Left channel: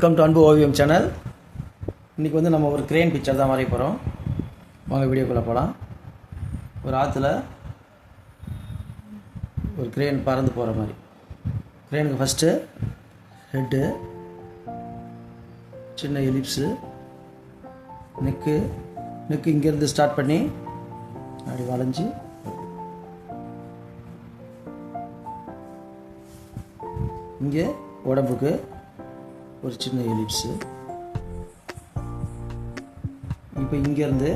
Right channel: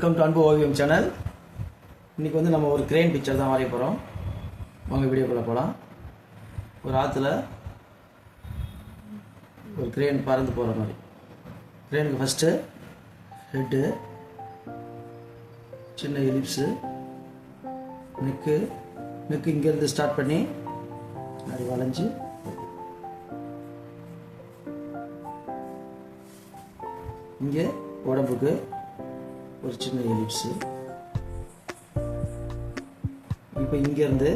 Welcome to அன்பு ஓவியம் channel. இன்றைக்கி வந்து நம்ம ஒரு கிரேன் பிக்சர் தான் வரைய போகிறோம். வாங்க வீடியோக்குள்ளே போகலாம். ஒரு ஆற்றுல ஒரு கிரேன் பறந்து போகிற மாதிரி. கிரேனுக்கு ஃபஸ்ட்டு ஹெட்டு, சின்ன எலிப்ஸு, நெக்கு இங்கேருந்து ஸ்டார்ட் பண்ணி அப்படி வளைஞ்சு இங்கே உடம்புக்கு ஒரு சின்ன எலிப்ஸு. இப்போ இங்கேருந்து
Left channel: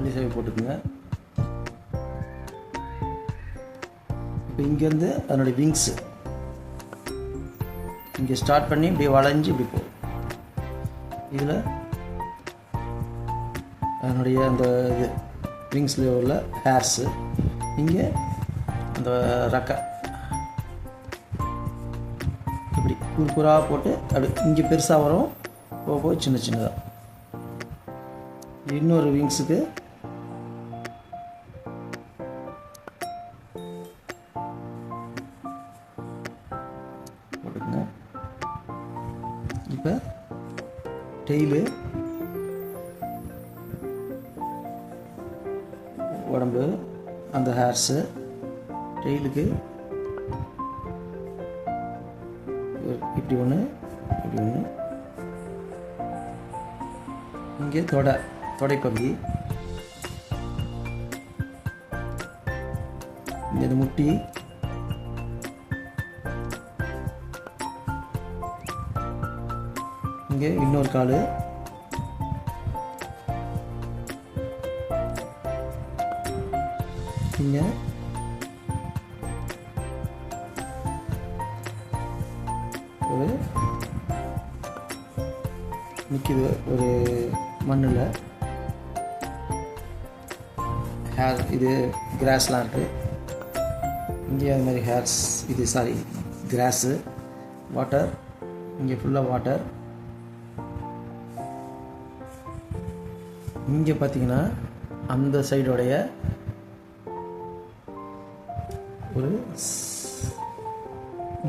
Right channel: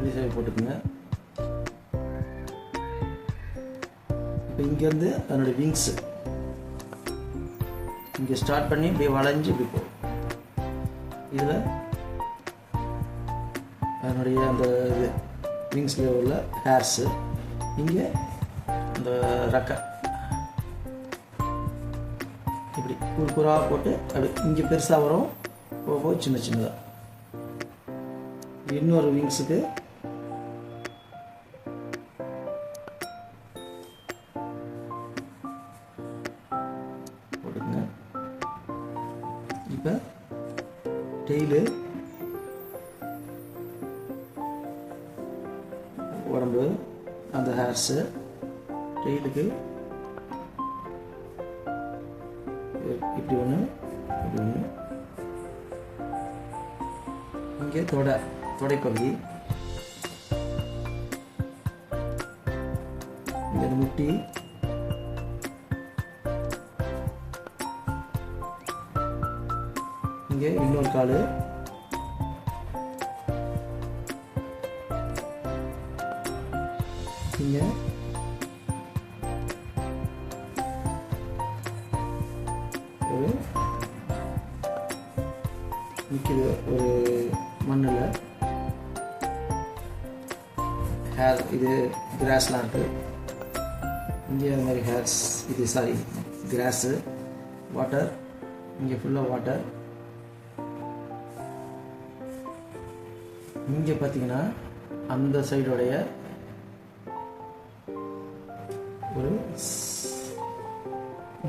வெளியே போட்டுக்குங்க. இப்போ இங்கேருந்து அதனுடைய விங்ஸு இங்கே ஸ்டார்ட் பண்ணி இப்படி வளைஞ்சு இப்படி போகும். இதில் அதனுடைய அந்த இது விங்ஸில் உள்ள ஹேர்ஸு, இங்கே இந்த ரக்கை இப்படி குறுக்குறாக போட்டு அப்படி இங்கே பெருசாக வரும், போக சின்ன சின்னதாக. இன்னொரு விங்ஸுக்கு போட்டுக்கோங்க. இப்போ டெய்லு, உடம்பு, அந்த ஹேர்ஸு, டெய்லுக்கு இப்படி ஒன்று இப்படி ஒன்று, இங்கே தொடைப்பகுதி, இங்கே முட்டி, இங்கே இன்னொரு கால், இங்கே ஒரு நிற்கிது ஒரு மண்ணில் ஹேர், இது கிராஸ்லாம் இருக்குது. இங்கே அது மாதிரி ஹேர்ஸ், இது கிராஸு, வாட்டர், இங்கே ஃபுல்லாக வாட்டர். இங்கே பார்த்தீங்கன்னா அந்த சைடோடைய ஒரு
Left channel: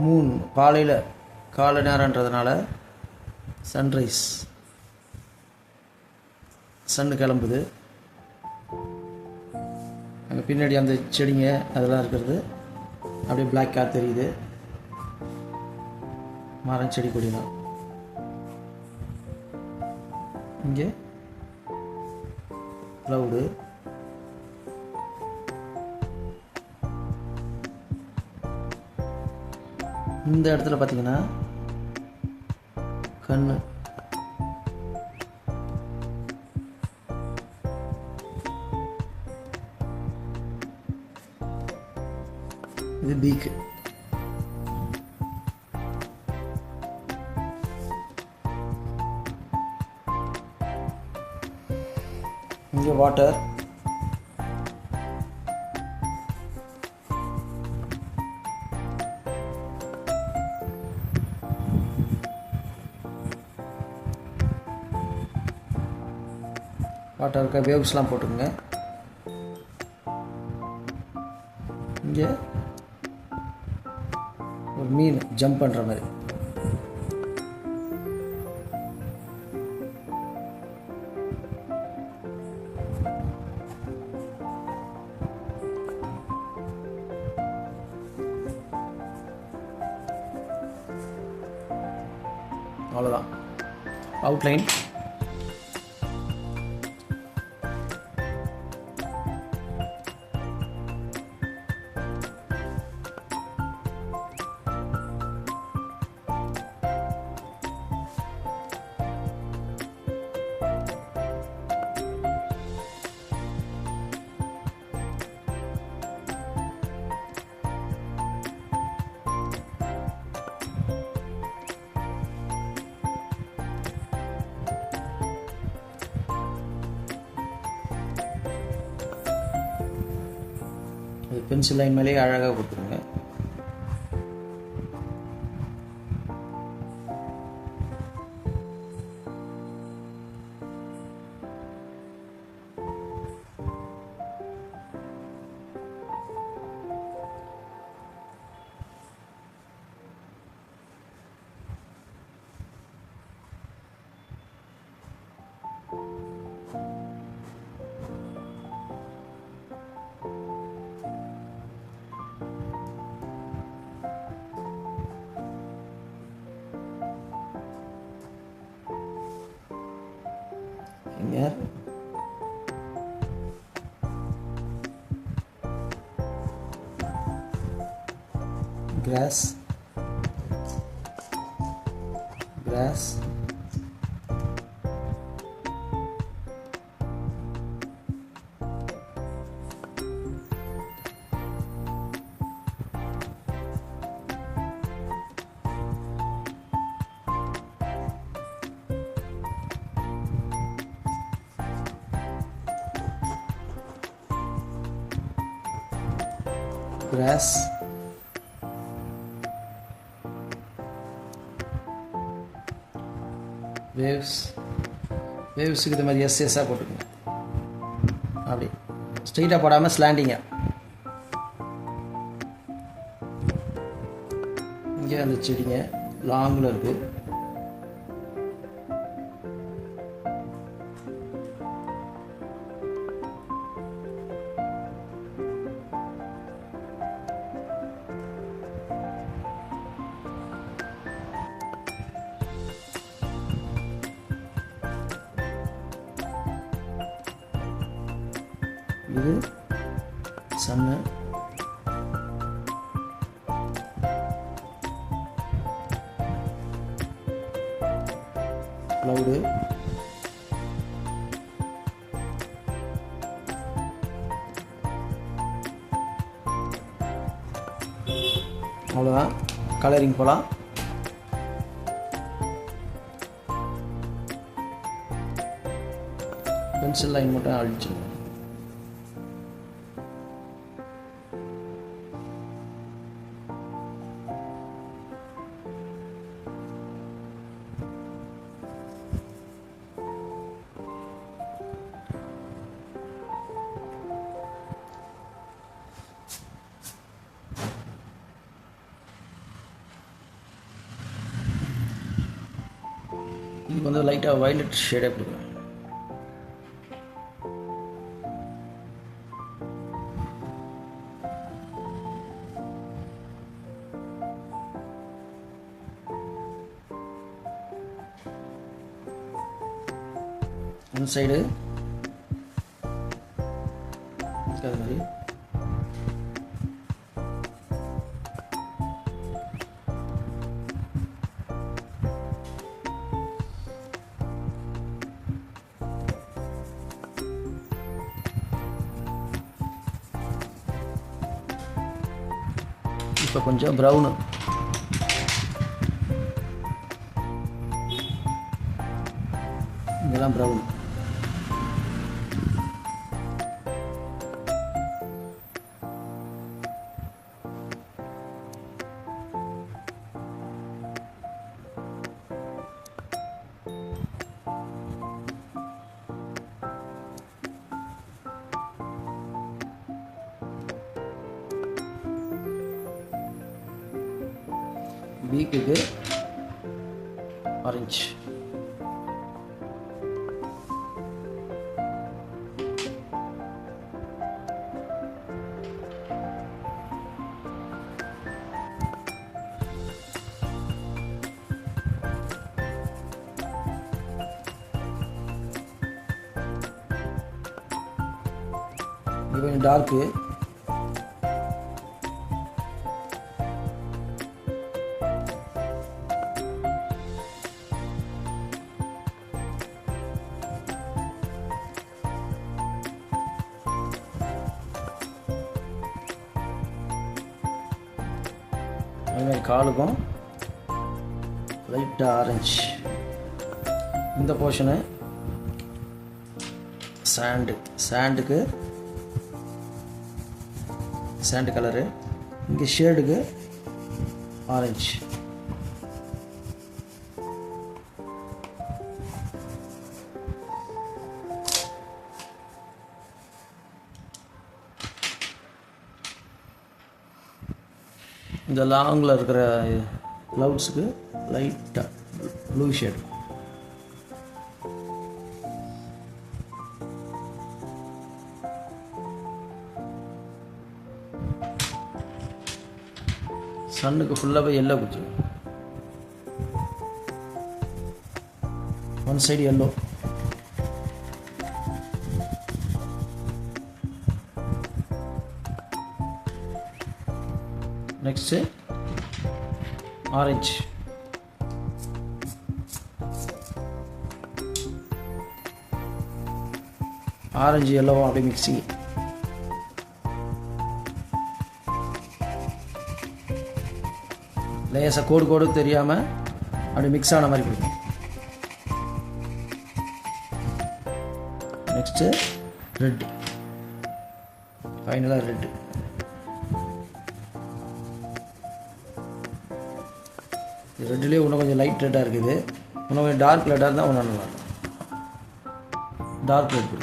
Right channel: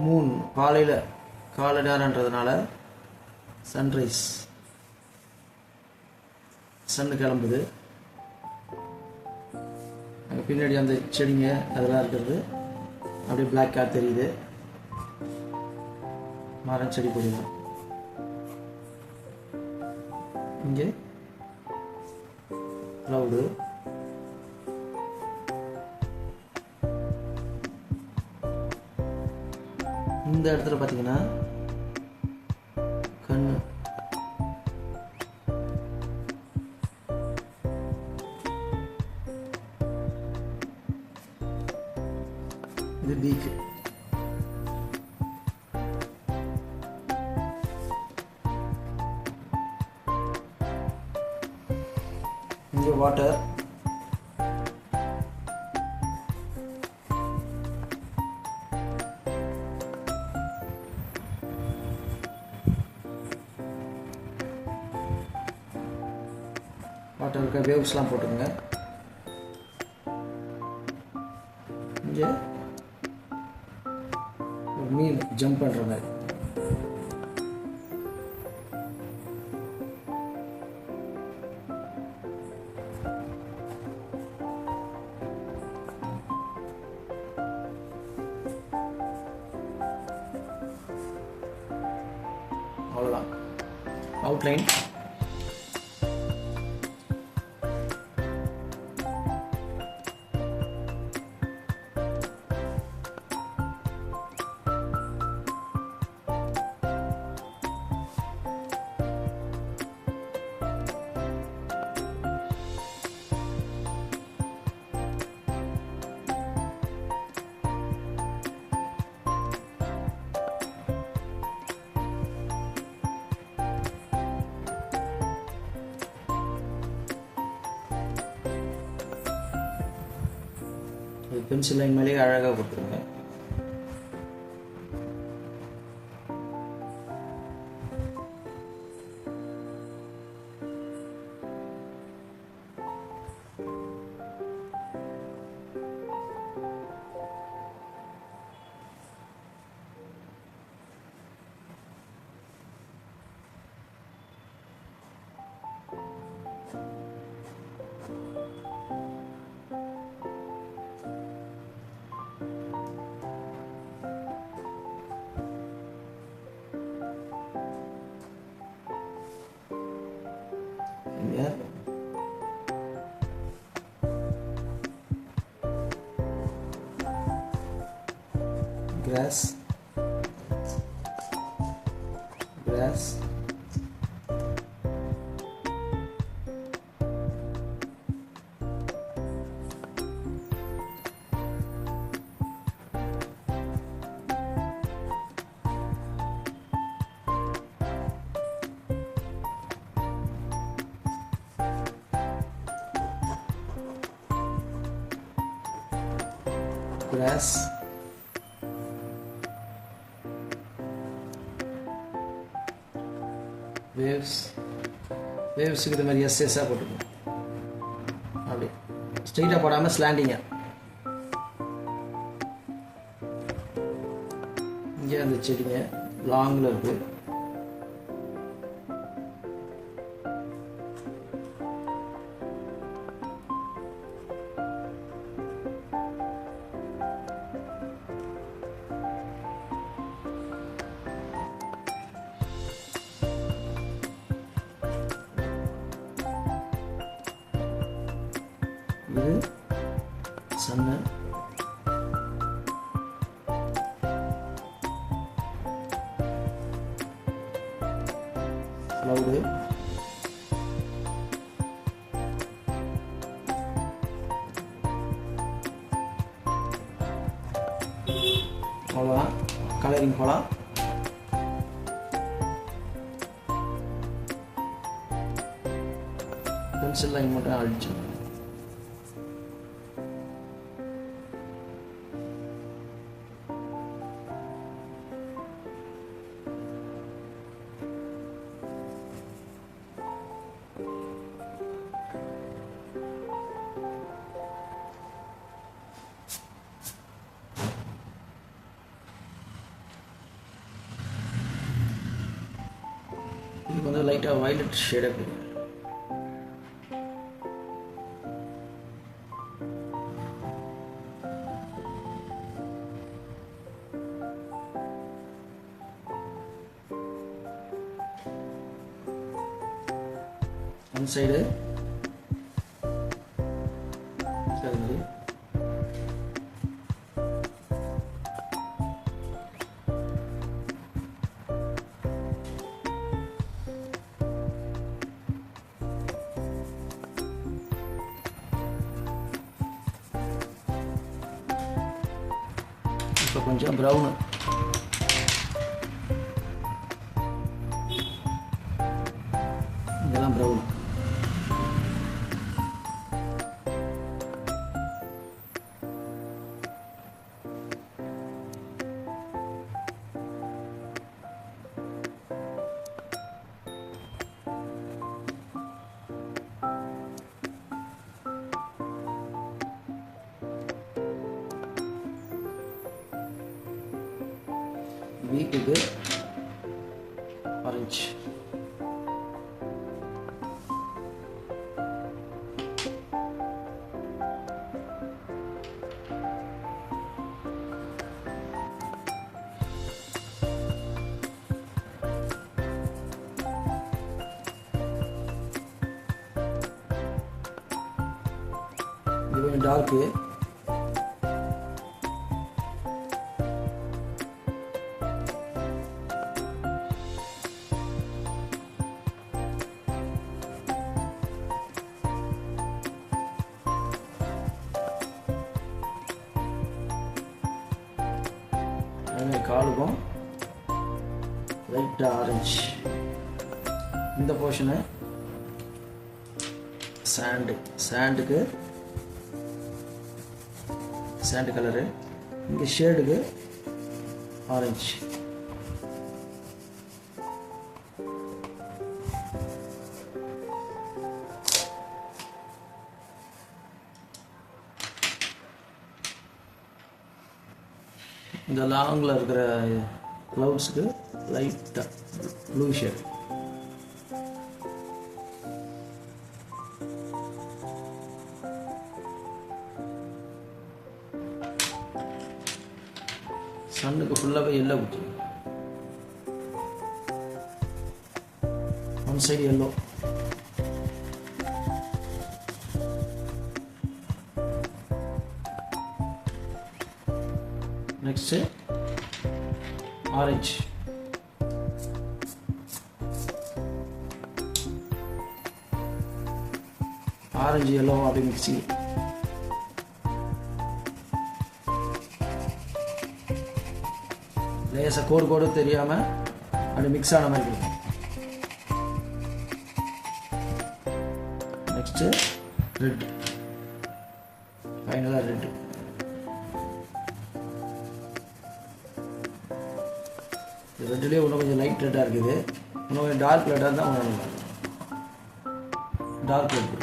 மூன், காலை நேரன்றதுனால சன்ரைஸ், சன்னு கிளம்புது. அங்கே பின்னாடி அந்த செடிங்க அதெல்லாம் இருக்கிறது அப்படியே பிளாக்காக தெரியுது. மரம், செடி, கொடிலாம். இங்கே க்ளவுடு, இந்த இடத்துல பார்த்தீங்கன்னா கண்ணு, இது பீக்கு. இங்கே வாட்டர், வாட்டருக்கு வேவ்ஸ்லாம் போட்டுருங்க. இங்கே ஒரு மீன் ஜம்ப் பண்ணுற மாதிரி. அவ்வளோதான் அவுட்லைன். பென்சில் லைன் மேலேயே அழகாக கொடுத்துருங்க. இங்கே cross cross grass waves waves இது மாதிரி எஸ்எஸ்ஸாக போட்டுக்கணும். அப்படி ஸ்ட்ரெயிட்டாக போடாமல் ஸ்லாண்டிங்காக. இங்கே அந்த செடிங்க லாங்கில் இருக்குது. இது சன்னு, க்ளவுடு, அவ்வளோதான். கலரிங் போகலாம். பென்சில் லைன் மட்டும் அடிச்சு இதுக்கு வந்து லைட்டாக வயலட் ஷேடாக கொடுக்கும். அந்த சைடு அது மாதிரி இப்போ கொஞ்சம் ப்ரௌனு, இதெல்லாம் ப்ரௌன். வீக்குக்கு ஆரஞ்சு, இது கொஞ்சம் டார்க்கு. அதுமாதிரி காலுக்கும் லைட்டாக ஆரஞ்சு. இந்த போர்ஷனு சாண்டுக்கு சாண்டு கலரு, இங்கே ஷேடுக்கு ஆரஞ்சு. இந்த லாங்கில் இருக்கிற க்ளவுட்ஸுக்கு லைட்டாக ப்ளூ ஷேட். சன்னுக்கு ஃபுல்லாகவே எல்லோ கொடுத்து, one side yellow, next orange, orange எல்லோவும் அப்படியே மிக்சிங். லேசாக கோடு தெரியாமல் அப்படி மிக்ஸ் ஆன மாதிரி கொடுக்கும். நெக்ஸ்ட்டு ரெட், ஃபைனலாக ரெட்டு. ரெட்லேயே இன்னும் கொஞ்சம் லைட் ரெட்டாக இருக்குது, இன்னும் கொஞ்சம் டார்க் ரெட்டாக இருந்தால் ஒன்று நல்லா இருக்கும். Dark red.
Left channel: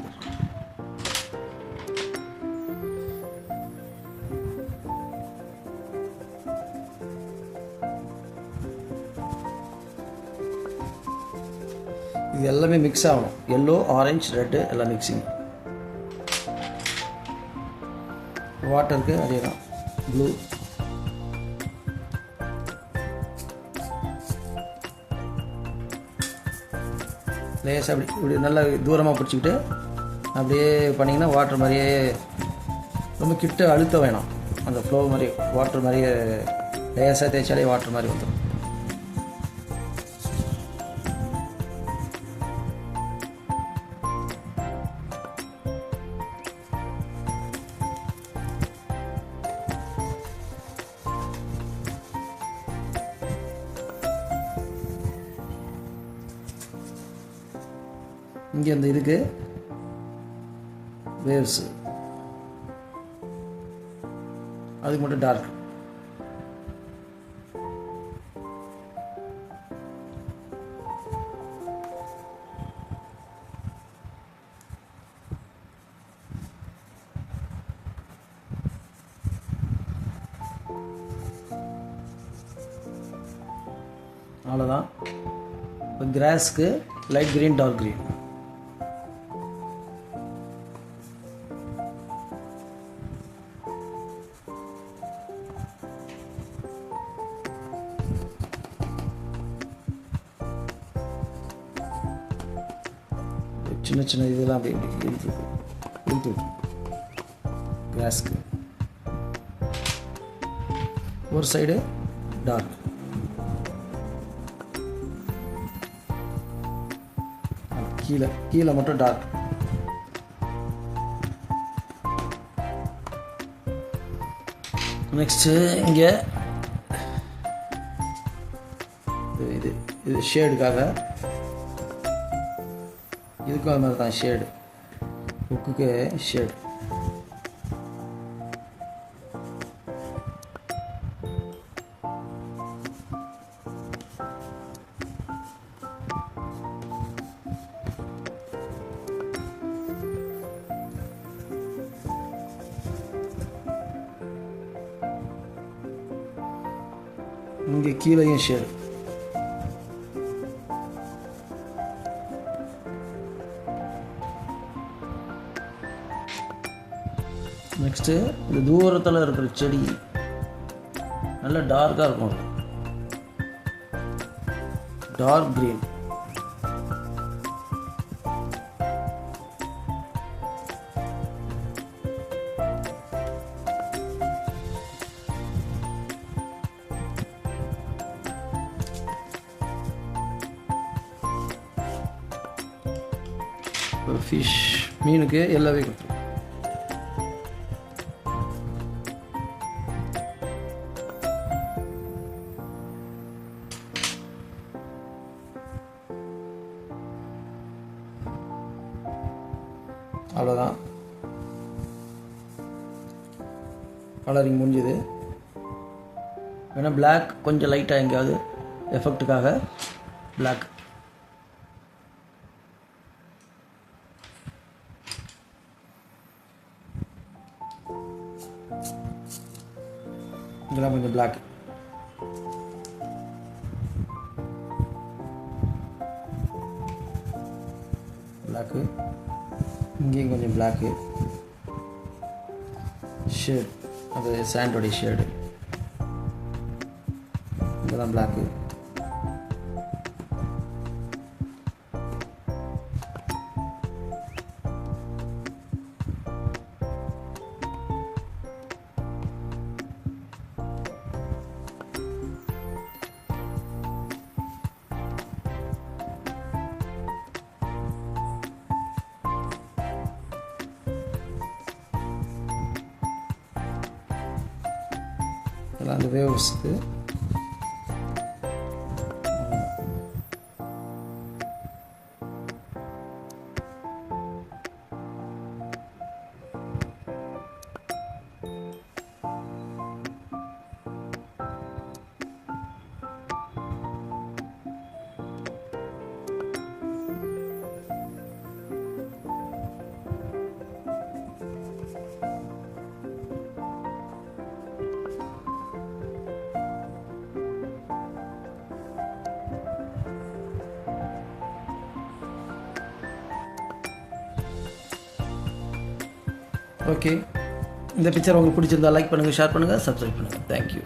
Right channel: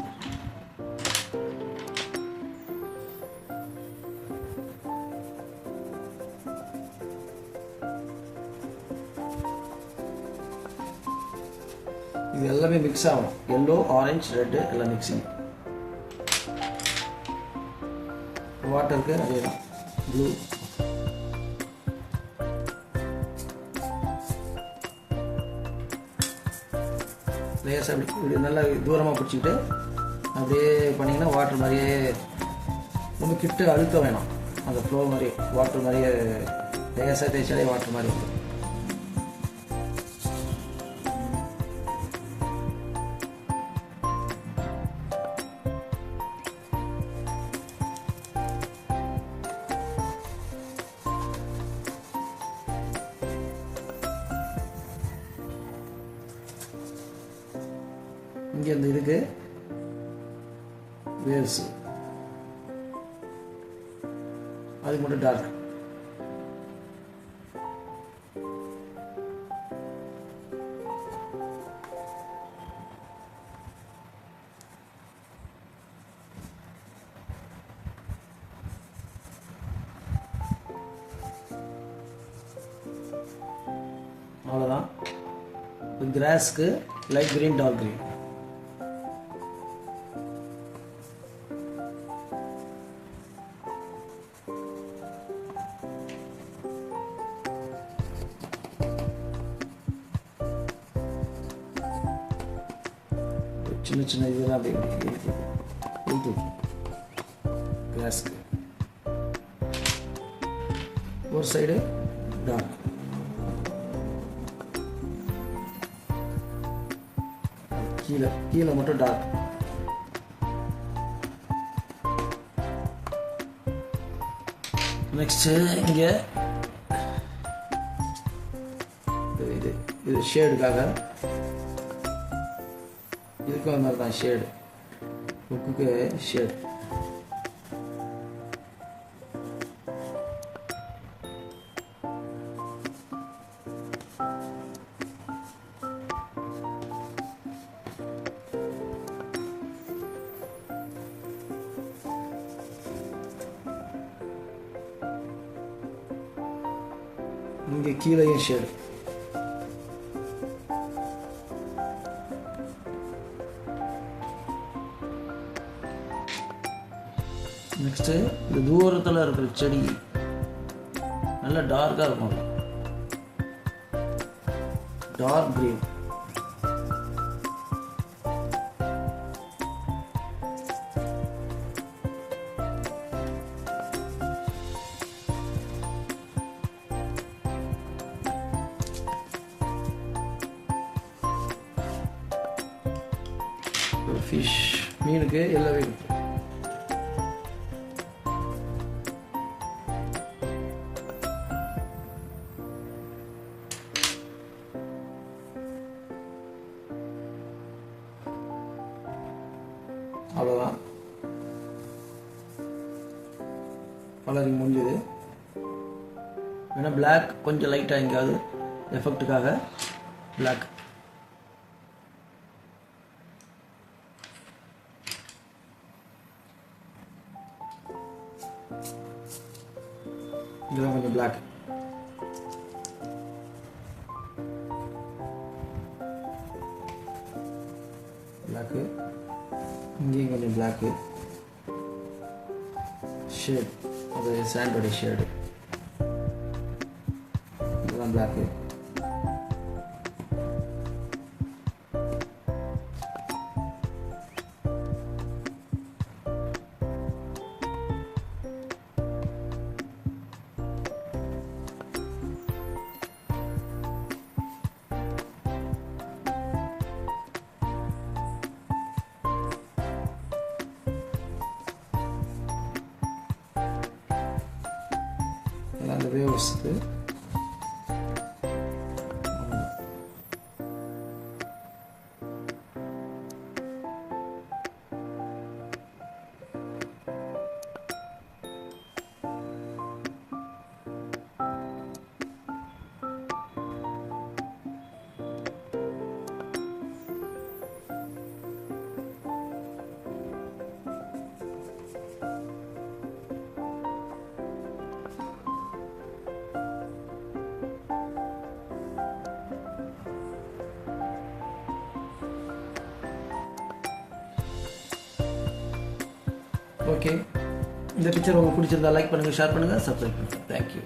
இது எல்லாமே மிக்ஸ் ஆகும், எல்லோ ஆரஞ்சு ரெட்டு எல்லாம் மிக்சிங். வாட்டருக்கு அதே தான், ப்ளூ. லேசாக இப்படி நல்லா தூரமாக பிடிச்சிக்கிட்டு அப்படியே பண்ணிங்கன்னா வாட்டர் மாதிரியே, ரொம்ப கிட்ட அழுத்த வேணாம், அந்த ஃப்ளோ மாதிரி வாட்டர் மாதிரியே லேசாக தேய்ச்சாலே வாட்டர் மாதிரி வந்துடும். இங்கே அந்த இருக்கு வேவ்ஸ், அதுக்கு மட்டும் டார்க். அவ்வளோதான். இப்போ கிராஸ்க்கு லைட் கிரீன் டார்க் கிரீன். சின்ன சின்ன இதுதான் அப்படி இழுத்து கிராஸ்க்கு ஒரு சைடு டார்க், கீழே கீழே மட்டும் டார்க். நெக்ஸ்ட்டு இங்கே இது இது ஷேடுக்காக, இதுக்கும் அது மாதிரி தான் ஷேடு, புக்குக்கு ஷேடு. இங்கே கீழேயும் ஷேடு. நெக்ஸ்ட்டு இந்த தூரத்தில் இருக்கிற செடி நல்லா டார்க்காக இருக்கும், டார்க் கிரீன். ஒரு ஃபிஷ் மீனுக்கு எல்லாமே இருக்கும். அவ்வளோதான், கலரிங் முடிஞ்சது. வேணால் பிளாக் கொஞ்சம் லைட்டாக எங்கேயாவது எஃபெக்ட்டுக்காக பிளாக். இதெல்லாம் கொஞ்சம் பிளாக். பிளாக்கு இங்கேயும் கொஞ்சம் பிளாக்கு ஷேட், அது சாண்டோடைய ஷேடு. இதெல்லாம் பிளாக்கு. அந்த வேவ்ஸ்க்கு. ஓகே, இந்த பிக்சர் உங்களுக்கு பிடிச்சிருந்தா லைக் பண்ணுங்கள், ஷேர் பண்ணுங்கள், சப்ஸ்கிரைப் பண்ணுங்கள். தேங்க்யூ.